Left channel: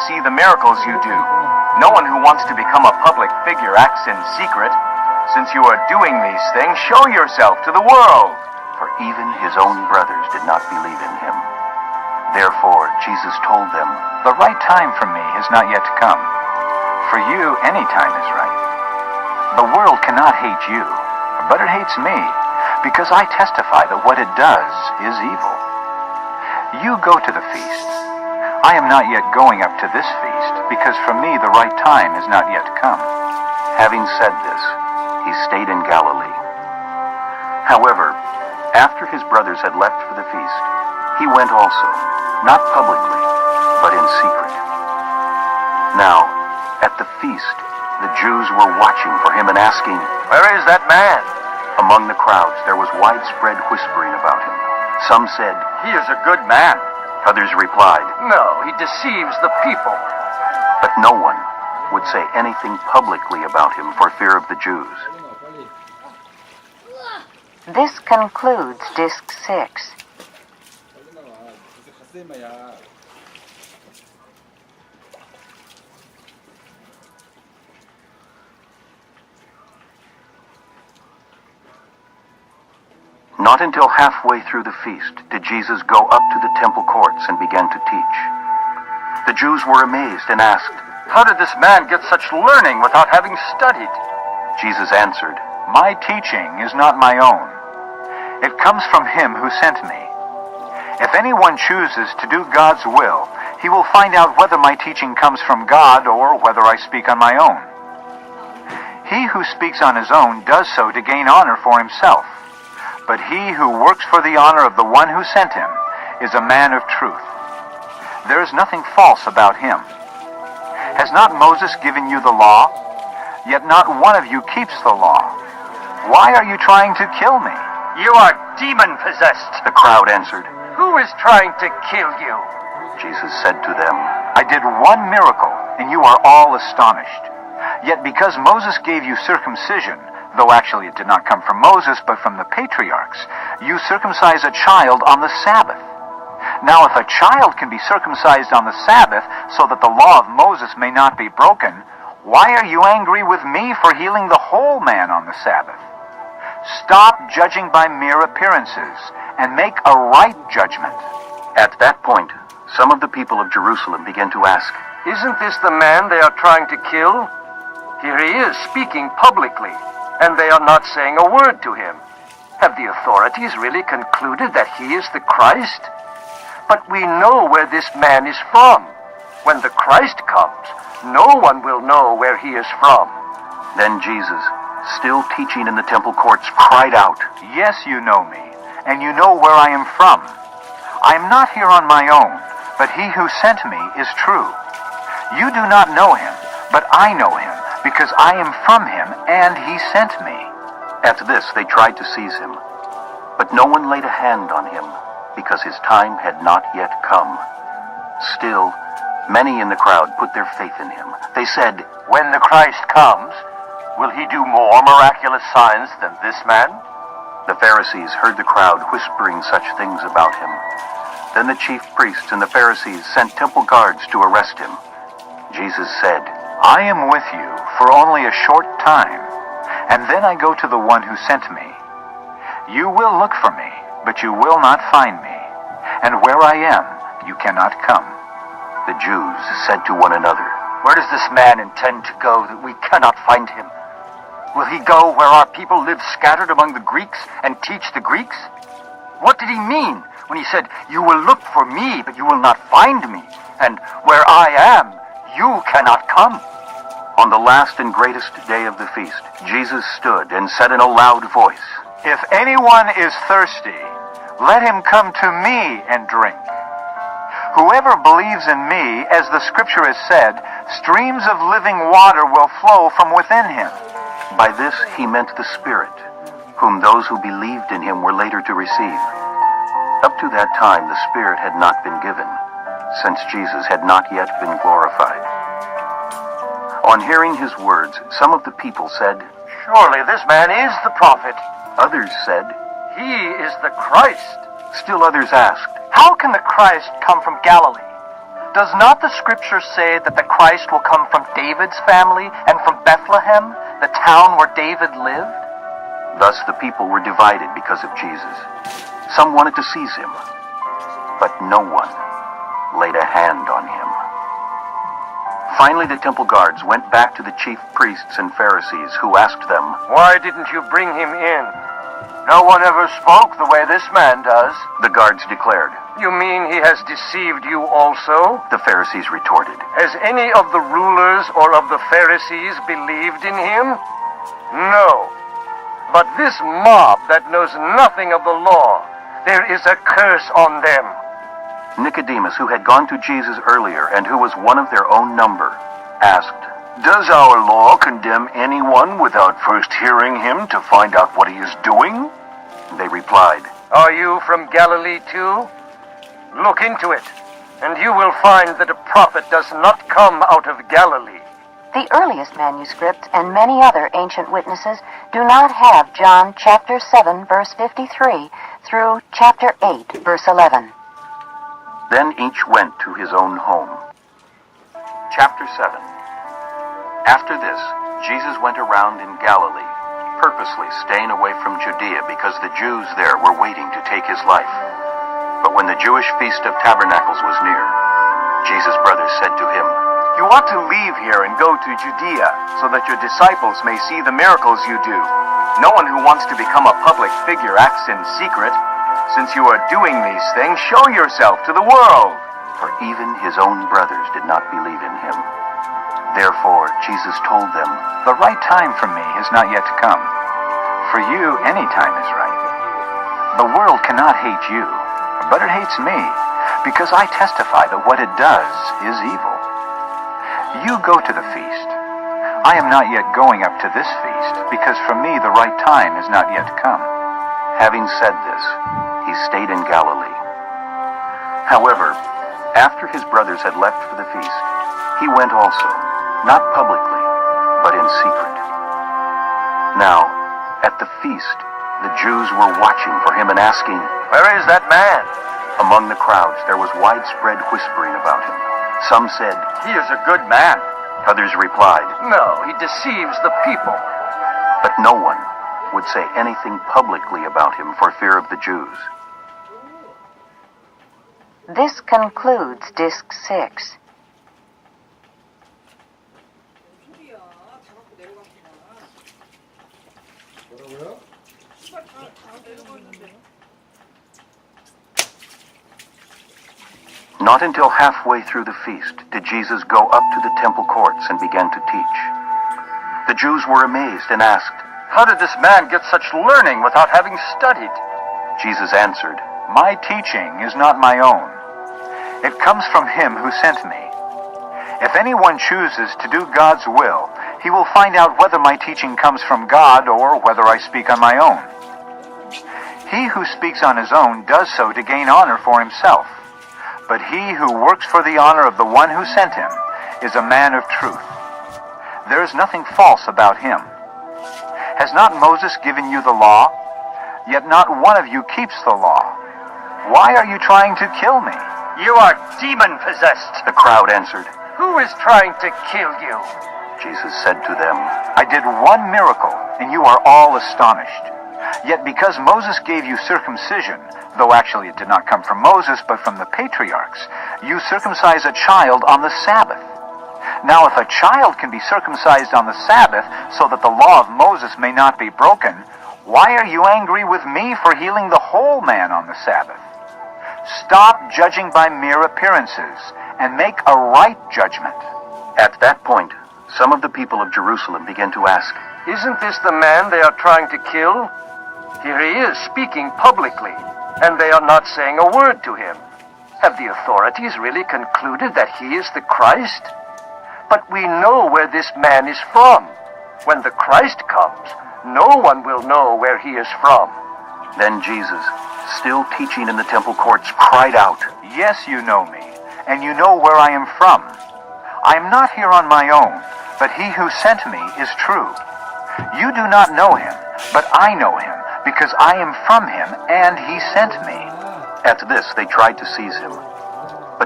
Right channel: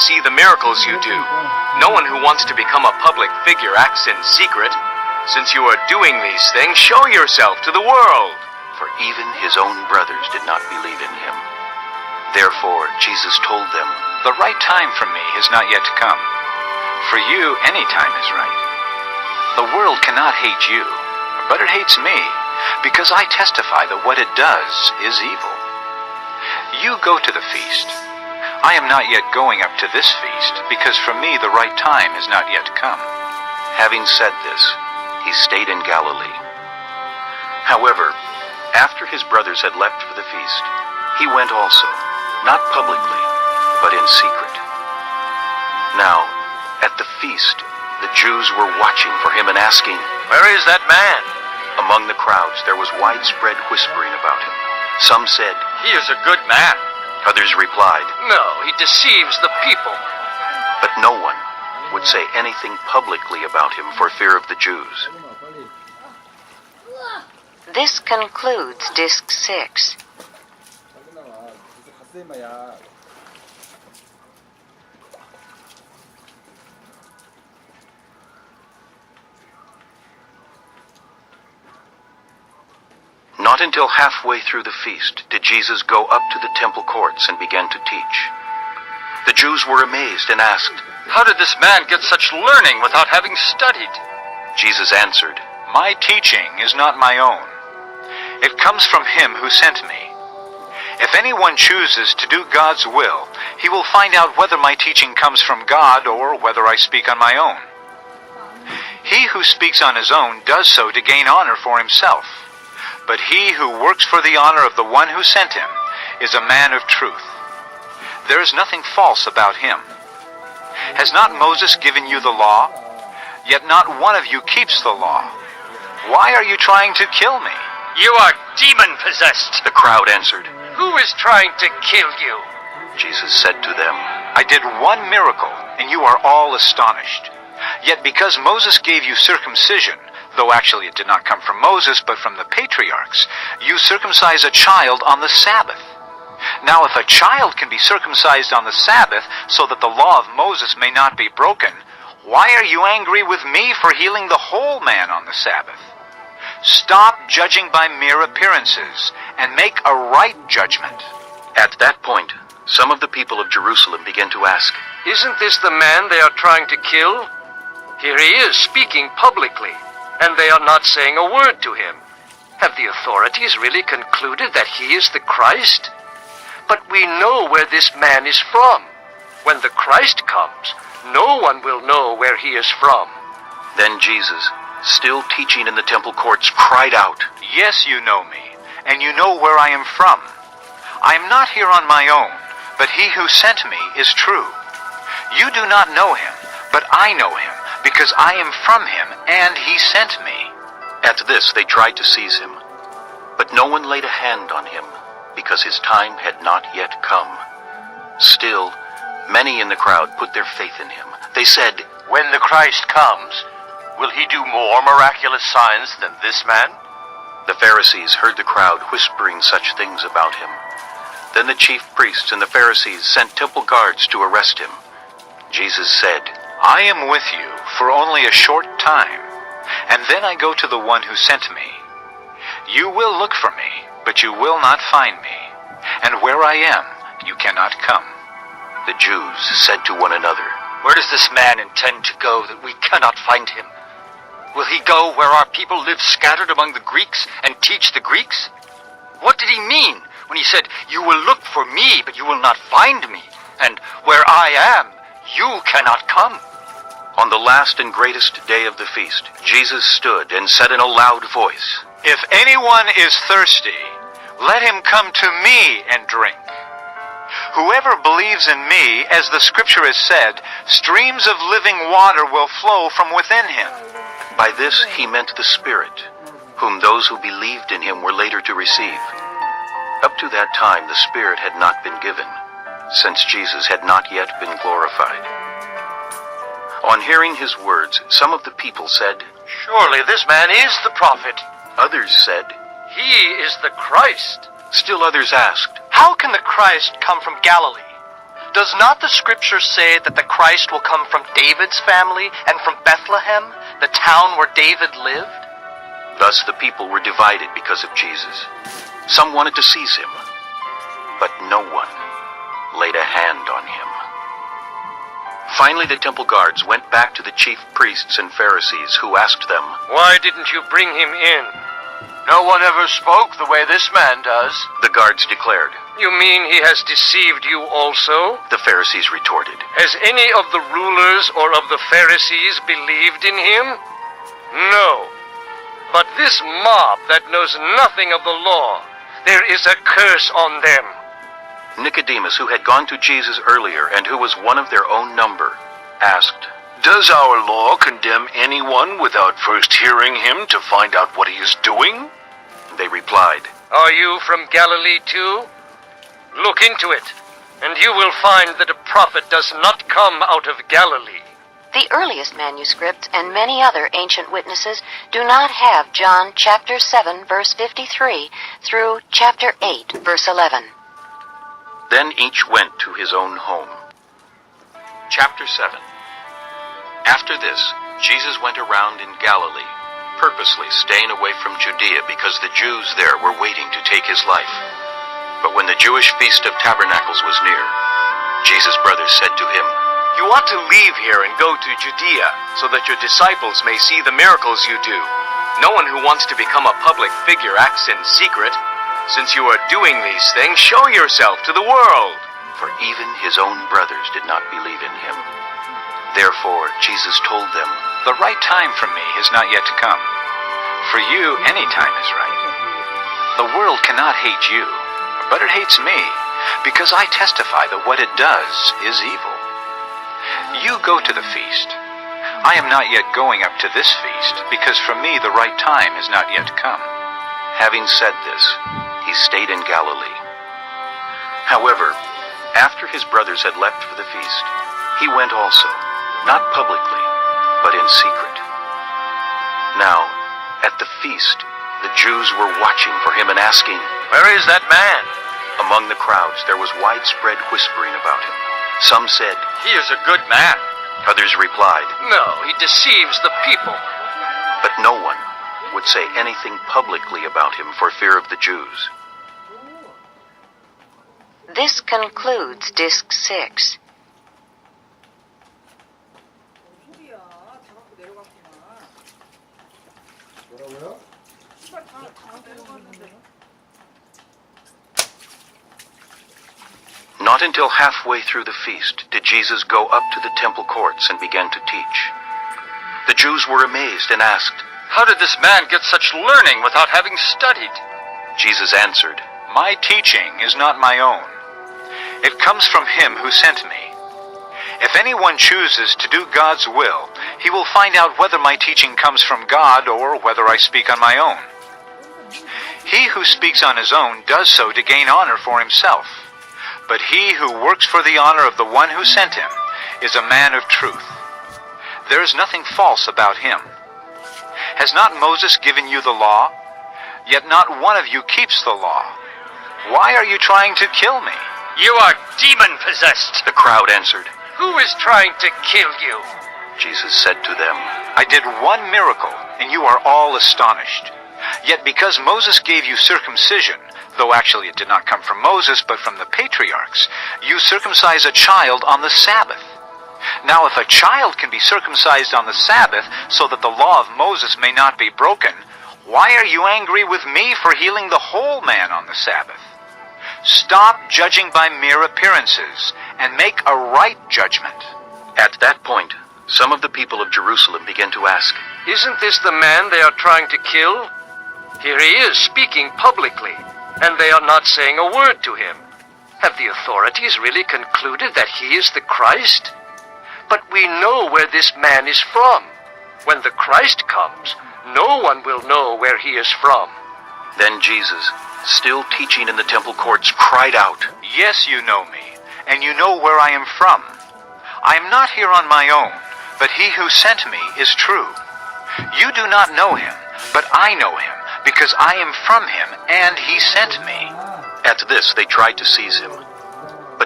See the miracles you do. No one who wants to become a public figure acts in secret. Since you are doing these things, show yourself to the world. For even his own brothers did not believe in him. Therefore, Jesus told them, The right time for me has not yet come. For you, any time is right. The world cannot hate you, but it hates me, because I testify that what it does is evil. You go to the feast. I am not yet going up to this feast, because for me the right time has not yet come. Having said this, he stayed in Galilee. However, after his brothers had left for the feast, he went also, not publicly, but in secret. Now, at the feast, the Jews were watching for him and asking, Where is that man? Among the crowds there was widespread whispering about him. Some said, He is a good man. Others replied, No, he deceives the people. but no one would say anything publicly about him for fear of the Jews. This concludes Disc 6. Not until halfway through the feast did Jesus go up to the temple courts and began to teach. The Jews were amazed and asked, How did this man get such learning without having studied? Jesus answered, My teaching is not my own. It comes from him who sent me. If anyone chooses to do God's will, he will find out whether my teaching comes from God or whether I speak on my own. He who speaks on his own does so to gain honor for himself. But he who works for the honor of the one who sent him is a man of truth. There is nothing false about him. Has not Moses given you the law? Yet not one of you keeps the law. Why are you trying to kill me? You are demon-possessed. The crowd answered. Who is trying to kill you? Jesus said to them, I did one miracle, and you are all astonished. Yet because Moses gave you circumcision, though actually it did not come from Moses, but from the patriarchs, you circumcise a child on the Sabbath. Now if a child can be circumcised on the Sabbath, so that the law of Moses may not be broken, why are you angry with me for healing the whole man on the Sabbath? Stop judging by mere appearances, and make a right judgment. At that point, some of the people of Jerusalem began to ask, Isn't this the man they are trying to kill? Here he is speaking publicly, and they are not saying a word to him. Have the authorities really concluded that he is the Christ? But we know where this man is from. When the Christ comes, no one will know where he is from. Then Jesus, still teaching in the temple courts, cried out, Yes, you know me, and you know where I am from. I am not here on my own, but he who sent me is true. You do not know him, but I know him, because I am from him, and he sent me. At this they tried to seize him, but no one laid a hand on him, because his time had not yet come. Still, many in the crowd put their faith in him. They said, When the Christ comes, will he do more miraculous signs than this man? The Pharisees heard the crowd whispering such things about him. Then the chief priests and the Pharisees sent temple guards to arrest him. Jesus said, I am with you for only a short time, and then I go to the one who sent me. You will look for me, but you will not find me, and where I am, you cannot come. The Jews said to one another, Where does this man intend to go that we cannot find him? Will he go where our people live scattered among the Greeks and teach the Greeks? What did he mean when he said, You will look for me, but you will not find me, and where I am, you cannot come? On the last and greatest day of the feast, Jesus stood and said in a loud voice, If anyone is thirsty, let him come to me and drink. Whoever believes in me, as the scripture has said, streams of living water will flow from within him. By this he meant the Spirit, whom those who believed in him were later to receive. Up to that time the Spirit had not been given, since Jesus had not yet been glorified. On hearing his words, some of the people said, Surely this man is the prophet. Others said, He is the Christ. Still others asked, How can the Christ come from Galilee? Does not the scripture say that the Christ will come from David's family and from Bethlehem, the town where David lived? Thus the people were divided because of Jesus. Some wanted to seize him, but no one laid a hand on him. Finally, the temple guards went back to the chief priests and Pharisees, who asked them, Why didn't you bring him in? No one ever spoke the way this man does. The guards declared. You mean he has deceived you also? The Pharisees retorted. Has any of the rulers or of the Pharisees believed in him? No. But this mob that knows nothing of the law, there is a curse on them. Nicodemus, who had gone to Jesus earlier and who was one of their own number, asked, Does our law condemn anyone without first hearing him to find out what he is doing? They replied, Are you from Galilee too? Look into it, and you will find that a prophet does not come out of Galilee. The earliest manuscripts and many other ancient witnesses do not have John chapter 7, verse 53 through chapter 8, verse 11. Then each went to his own home. Chapter 7. After this, Jesus went around in Galilee, purposely staying away from Judea because the Jews there were waiting to take his life. But when the Jewish Feast of Tabernacles was near, Jesus' brothers said to him, You ought to leave here and go to Judea, so that your disciples may see the miracles you do. No one who wants to become a public figure acts in secret. Since you are doing these things, show yourself to the world. For even his own brothers did not believe in him. Therefore, Jesus told them, The right time for me has not yet come. For you, any time is right. The world cannot hate you, but it hates me, because I testify that what it does is evil. You go to the feast. I am not yet going up to this feast, because for me the right time has not yet come. Having said this, he stayed in Galilee. However, after his brothers had left for the feast, he went also, not publicly, but in secret. Now, at the feast, the Jews were watching for him and asking, Where is that man? Among the crowds there was widespread whispering about him. Some said, He is a good man. Others replied, No, he deceives the people. but no one would say anything publicly about him for fear of the Jews. This concludes Disc 6. Not until halfway through the feast did Jesus go up to the temple courts and began to teach. The Jews were amazed and asked, How did this man get such learning without having studied? Jesus answered, My teaching is not my own. It comes from him who sent me. If anyone chooses to do God's will, he will find out whether my teaching comes from God or whether I speak on my own. He who speaks on his own does so to gain honor for himself. But he who works for the honor of the one who sent him is a man of truth. There is nothing false about him. Has not Moses given you the law? Yet not one of you keeps the law. Why are you trying to kill me? You are demon-possessed. The crowd answered. Who is trying to kill you? Jesus said to them, I did one miracle, and you are all astonished. Yet because Moses gave you circumcision, though actually it did not come from Moses, but from the patriarchs, you circumcise a child on the Sabbath. Now if a child can be circumcised on the Sabbath, so that the law of Moses may not be broken, why are you angry with me for healing the whole man on the Sabbath? Stop judging by mere appearances, and make a right judgment. At that point, some of the people of Jerusalem began to ask, Isn't this the man they are trying to kill? Here he is speaking publicly, and they are not saying a word to him. Have the authorities really concluded that he is the Christ? But we know where this man is from. When the Christ comes, no one will know where he is from. Then Jesus, still teaching in the temple courts, cried out, Yes, you know me, and you know where I am from. I am not here on my own, but he who sent me is true. You do not know him, but I know him, because I am from him, and he sent me. At this they tried to seize him, but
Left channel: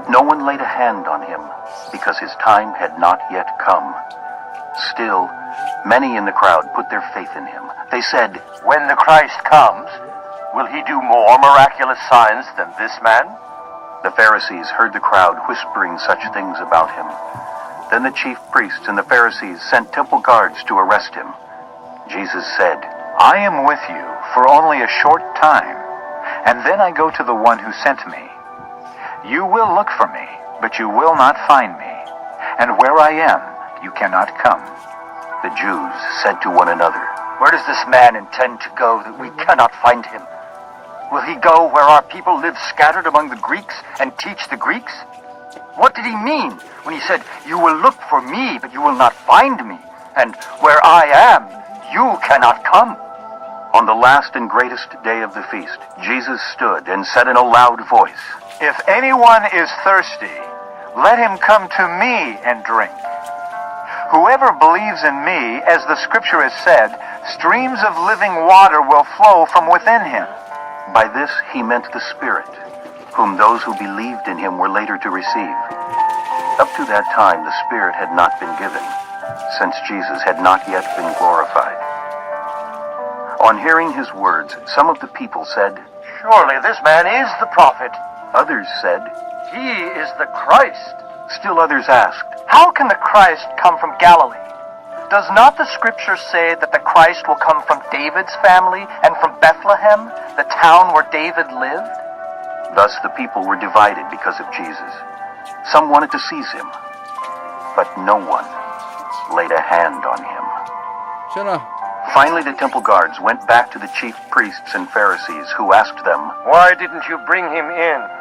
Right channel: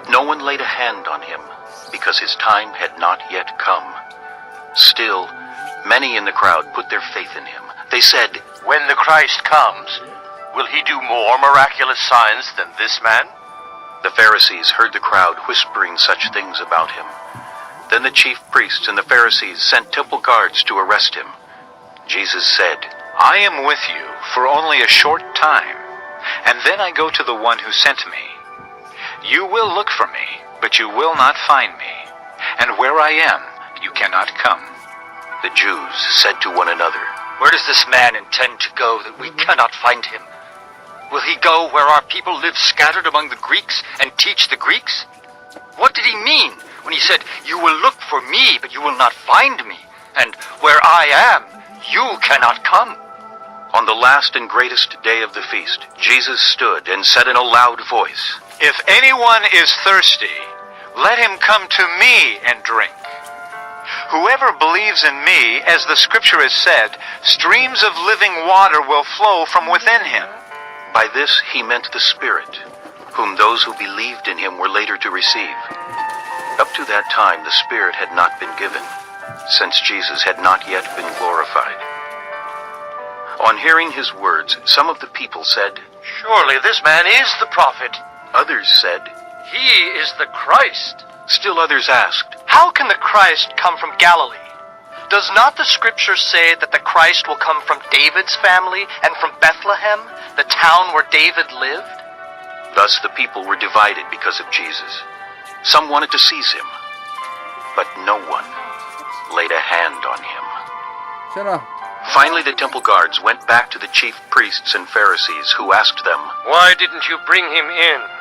But no one laid a hand on him, because his time had not yet come. Still, many in the crowd put their faith in him. They said, When the Christ comes, will he do more miraculous signs than this man? The Pharisees heard the crowd whispering such things about him. Then the chief priests and the Pharisees sent temple guards to arrest him. Jesus said, I am with you for only a short time, and then I go to the one who sent me. You will look for me, but you will not find me, and where I am, you cannot come. The Jews said to one another, Where does this man intend to go that we cannot find him? Will he go where our people live scattered among the Greeks and teach the Greeks? What did he mean when he said, You will look for me, but you will not find me, and where I am, you cannot come? On the last and greatest day of the feast, Jesus stood and said in a loud voice, If anyone is thirsty, let him come to me and drink. Whoever believes in me, as the scripture has said, streams of living water will flow from within him. By this he meant the Spirit, whom those who believed in him were later to receive. Up to that time the Spirit had not been given, since Jesus had not yet been glorified. On hearing his words, some of the people said, Surely this man is the prophet. Others said, He is the Christ. Still others asked, How can the Christ come from Galilee? Does not the scripture say that the Christ will come from David's family and from Bethlehem, the town where David lived? Thus the people were divided because of Jesus. Some wanted to seize him, but no one laid a hand on him. Finally, the temple guards went back to the chief priests and Pharisees, who asked them, Why didn't you bring him in?